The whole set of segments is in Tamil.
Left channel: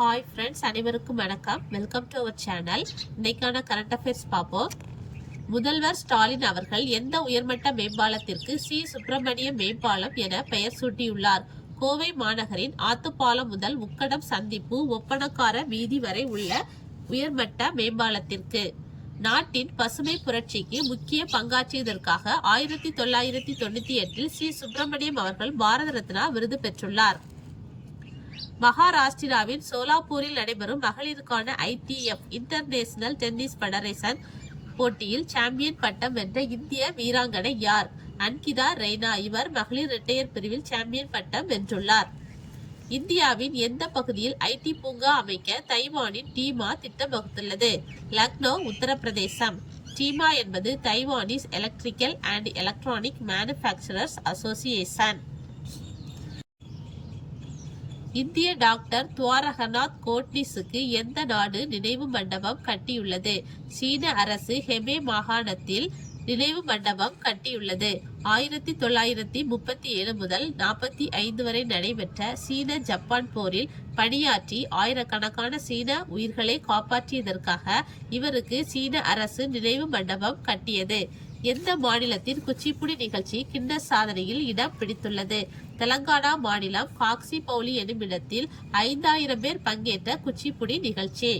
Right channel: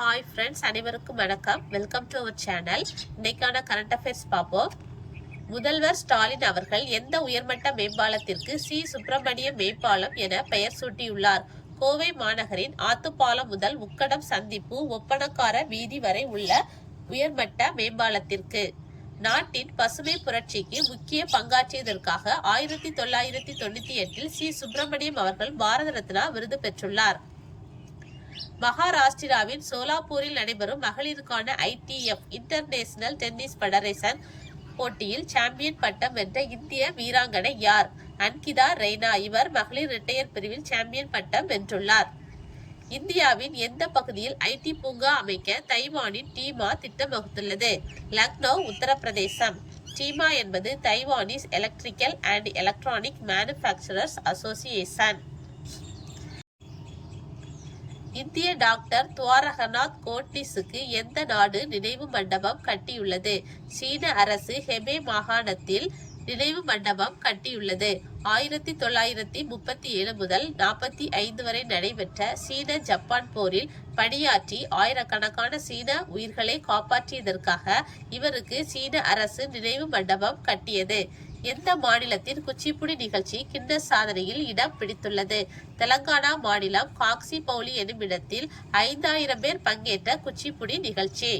ஹாய் ஃப்ரெண்ட்ஸ், அனைவருக்கும் வணக்கம். Welcome to our channel. இன்னைக்கான கரண்ட் அஃபேர்ஸ் பார்ப்போம். முதல்வர் ஸ்டாலின் அவர்கள் எந்த உயர்மட்ட மேம்பாலத்திற்கு சி சுப்பிரமணியம் மேம்பாலம் என பெயர் சூட்டியுள்ளார்? கோவை மாநகரின் ஆத்துப்பாலம் முதல் முக்கடம் சந்திப்பு ஒப்பனக்கார வீதி வரை உள்ள உயர்மட்ட மேம்பாலத்திற்கு. நாட்டின் பசுமை புரட்சிக்கு முக்கிய பங்காற்றியதற்காக 1998 சி சுப்பிரமணியம் அவர்கள் பாரத ரத்னா விருது பெற்றுள்ளார். மகாராஷ்டிராவின் சோலாப்பூரில் நடைபெறும் மகளிருக்கான ITF இன்டர்நேஷனல் டென்னிஸ் ஃபெடரேஷன் போட்டியில் சாம்பியன் பட்டம் வென்ற இந்திய வீராங்கனை யார்? அன்கிதா ரெய்னா. இவர் மகளிர் இரட்டையர் பிரிவில் சாம்பியன் பட்டம் வென்றுள்ளார். இந்தியாவின் எந்த பகுதியில் IT பூங்கா அமைக்க தைவானின் டீமா திட்டம் வகுத்துள்ளது? லக்னோ, உத்தரப்பிரதேசம். டீமா என்பது Taiwanese electrical and electronic manufacturers association. இந்திய டாக்டர் துவாரகநாத் கோட்னிஸுக்கு எந்த நாடு நினைவு மண்டபம் கட்டியுள்ளது? சீன அரசு ஹெபே மாகாணத்தில் நினைவு மண்டபம் கட்டியுள்ளது. 1937 முதல் 45 வரை நடைபெற்ற சீன ஜப்பான் போரில் பணியாற்றி ஆயிரக்கணக்கான சீன உயிர்களை காப்பாற்றியதற்காக இவருக்கு சீன அரசு நினைவு மண்டபம் கட்டியது. எந்த மாநிலத்தின் குச்சிப்புடி நிகழ்ச்சி கின்னஸ் சாதனையில் இடம் பிடித்துள்ளது? தெலங்கானா மாநிலம் காக்சிபௌலி எனும் இடத்தில் 5000 பேர் பங்கேற்ற குச்சிப்புடி நிகழ்ச்சி.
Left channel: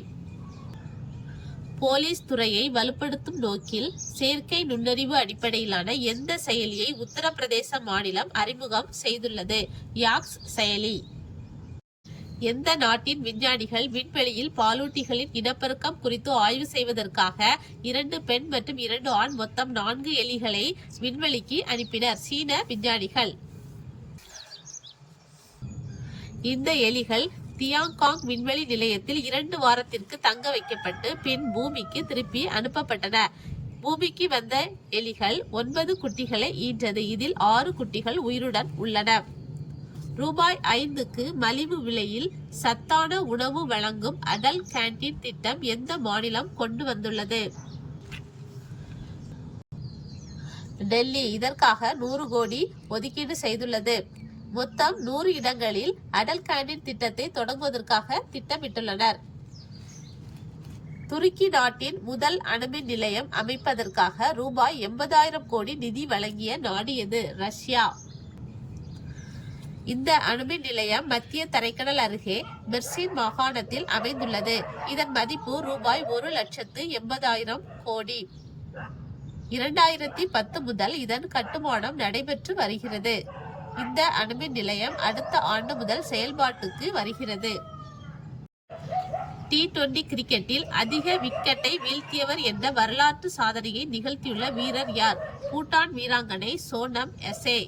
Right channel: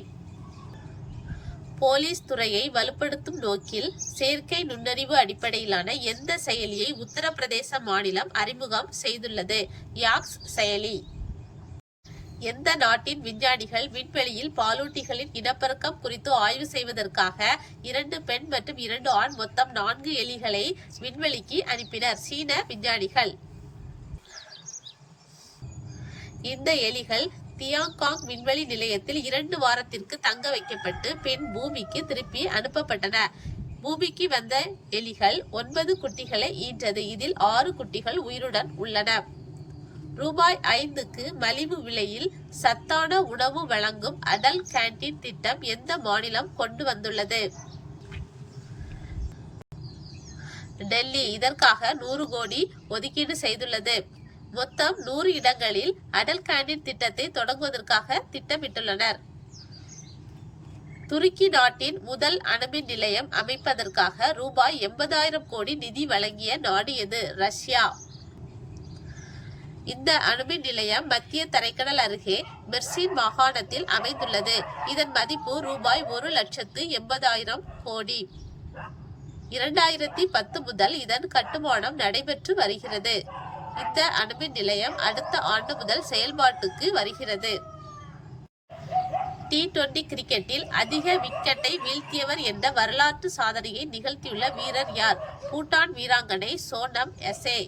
போலீஸ் துறையை வலுப்படுத்தும் நோக்கில் செயற்கை நுண்ணறிவு அடிப்படையிலான எந்த செயலியை உத்தரப்பிரதேச மாநிலம் அறிமுகம் செய்துள்ளது? யாக்ஸ் செயலி. எந்த நாட்டின் விஞ்ஞானிகள் விண்வெளியில் பாலூட்டிகளின் இனப்பெருக்கம் குறித்து ஆய்வு செய்வதற்காக 2 பெண் மற்றும் 2 ஆண் மொத்தம் 4 எலிகளை விண்வெளிக்கு அனுப்பினர்? சீன விஞ்ஞானிகள். இந்த எலிகள் தியாங்காங் விண்வெளி நிலையத்தில் 2 வாரத்திற்கு தங்க வைக்கப்பட்டு பின் பூமிக்கு திருப்பி அனுப்பப்பட்டன. பூமிக்கு வந்த எலிகள் 9 குட்டிகளை ஈன்றது. இதில் 6 குட்டிகள் உயிருடன் உள்ளன. ரூபாய் 5க்கு மலிவு விலையில் சத்தான உணவு வழங்கும் அடல் கேண்டீன் திட்டம் எந்த மாநிலம் கொண்டு வந்துள்ளது? டெல்லி. இதற்காக 100 கோடி ஒதுக்கீடு செய்துள்ளது. மொத்தம் 100 இடங்களில் அடல் கேண்டீன் திட்டத்தை தொடங்குவதற்காக திட்டமிட்டுள்ளனர். துருக்கி நாட்டின் முதல் அணுமின் நிலையம் அமைப்பதற்காக ரூபாய் 80,000 கோடி நிதி வழங்கிய நாடு எது? ரஷ்யா. இந்த அணுமின் நிலையம் மத்திய தரைக்கடல் அருகே மெர்சின் மாகாணத்தில் அமைந்துள்ளது. இதன் மதிப்பு ரூபாய் 1,80,000 கோடி. 2010 முதல் இதன் கட்டுமானம் நடைபெற்று வருகிறது. இந்த அணுமின் நிலையம் அடுத்த ஆண்டு முதல் செயல்பாட்டுக்கு வருகிறது. T20 கிரிக்கெட்டில் அதிக விக்கெட்டை வீழ்த்தியவர் என்ற வரலாற்று சாதனையை நிகழ்த்தியுள்ள வீரர் யார்? பூட்டான் வீராங்கனை சோனம் எசே.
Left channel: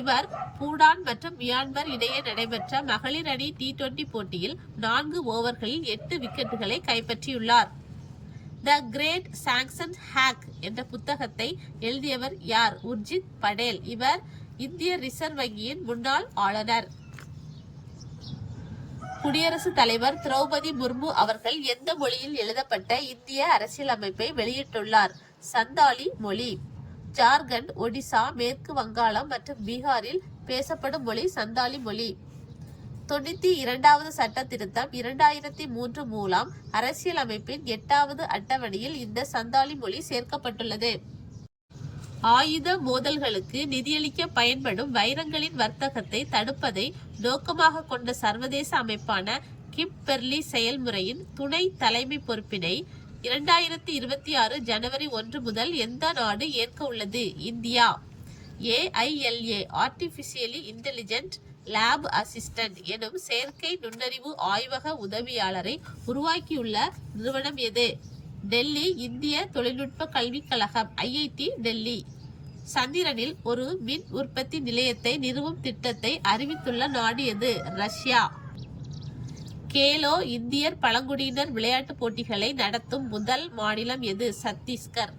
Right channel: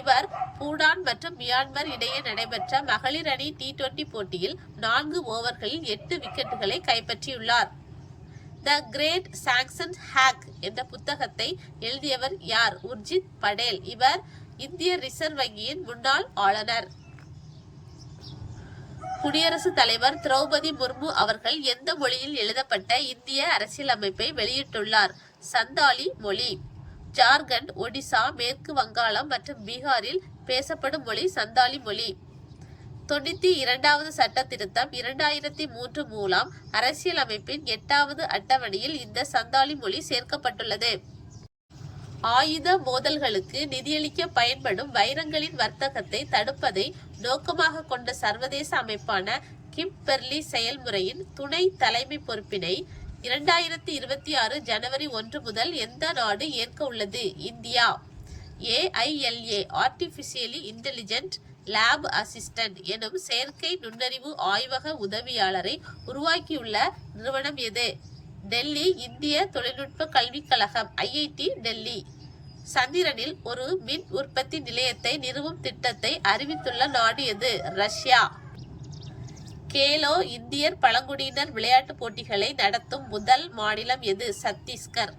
இவர் பூடான் மற்றும் மியான்மர் இடையே நடைபெற்ற மகளிர் அணி T20 போட்டியில் 4 ஓவர்களில் 8 விக்கெட்டுகளை கைப்பற்றியுள்ளார். த கிரேட் சாங்சன் ஹேக் என்ற புத்தகத்தை எழுதியவர் யார்? உர்ஜித் படேல். இவர் இந்திய ரிசர்வ் வங்கியின் முன்னாள் ஆளுநர். குடியரசுத் தலைவர் திரௌபதி முர்மு அவர்கள் எந்த மொழியில் எழுதப்பட்ட இந்திய அரசியலமைப்பை வெளியிட்டுள்ளார்? சந்தாலி மொழி. ஜார்க்கண்ட், ஒடிசா, மேற்கு வங்காளம் மற்றும் பீகாரில் பேசப்படும் மொழி சந்தாலி மொழி. 92வது சட்ட திருத்தம் 2003 மூலம் அரசியலமைப்பின் 8வது அட்டவணையில் இந்த சந்தாலி மொழி சேர்க்கப்பட்டுள்ளது. ஆயுத மோதல்களுக்கு நிதியளிக்க பயன்படும் வைரங்களின் வர்த்தகத்தை தடுப்பதை நோக்கமாக கொண்ட சர்வதேச அமைப்பான கிம்பெர்லி செயல்முறையின் துணை தலைமை பொறுப்பினை 2026 ஜனவரி 1 முதல் எந்த நாடு ஏற்க உள்ளது? India. AILA artificially intelligent lab assistant எனும் செயற்கை நுண்ணறிவு ஆய்வக உதவியாளரை உருவாக்கியுள்ள நிறுவனம் எது? டெல்லி இந்திய தொழில்நுட்ப கல்விக் கழகம் IIT டெல்லி. சந்திரனில் ஒரு மின் உற்பத்தி நிலையத்தை நிறுவும் திட்டத்தை அறிவித்துள்ள நாடு எது? ரஷ்யா. கேலோ இந்தியர் பழங்குடியினர் விளையாட்டுப் போட்டிகளை நடத்தும் முதல் மாநிலம் எது? சத்தீஸ்கர்.